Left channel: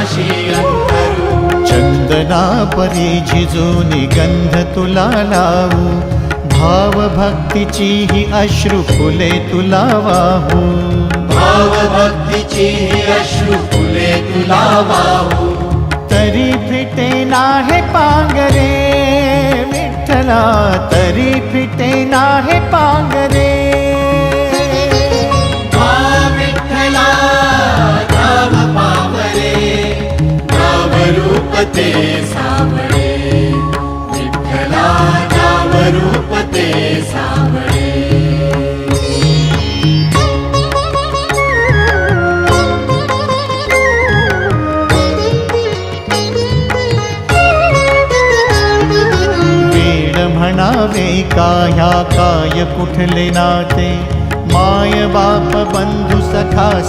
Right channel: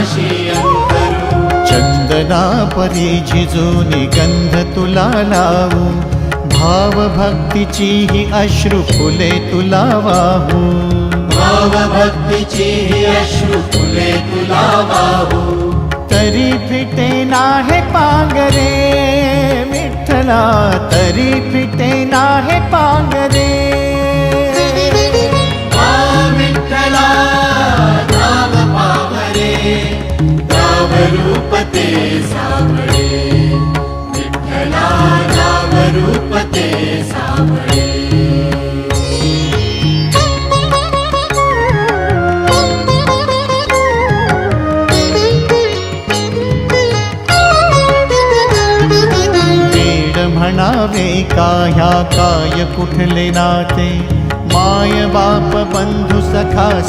पाशी अंतरू। चंदना परी झिजूनी गंध तुला लावू, भाव भक्तीची ही अश्रु फुले तुला वाहू। भाव भक्तीची ही अश्रु फुले तुला वाहू। तरी फिटे नाहे पांगरे विठ्ठला, तरी फिटे नाहे पांगरे। विठ्ठला नाव पावरे, नाव रूप ते सावळे। विठ्ठला नाव रूप ते सावळे। म्हणावे काह्या काय कुठले नाते, माय बाप बंधु सखा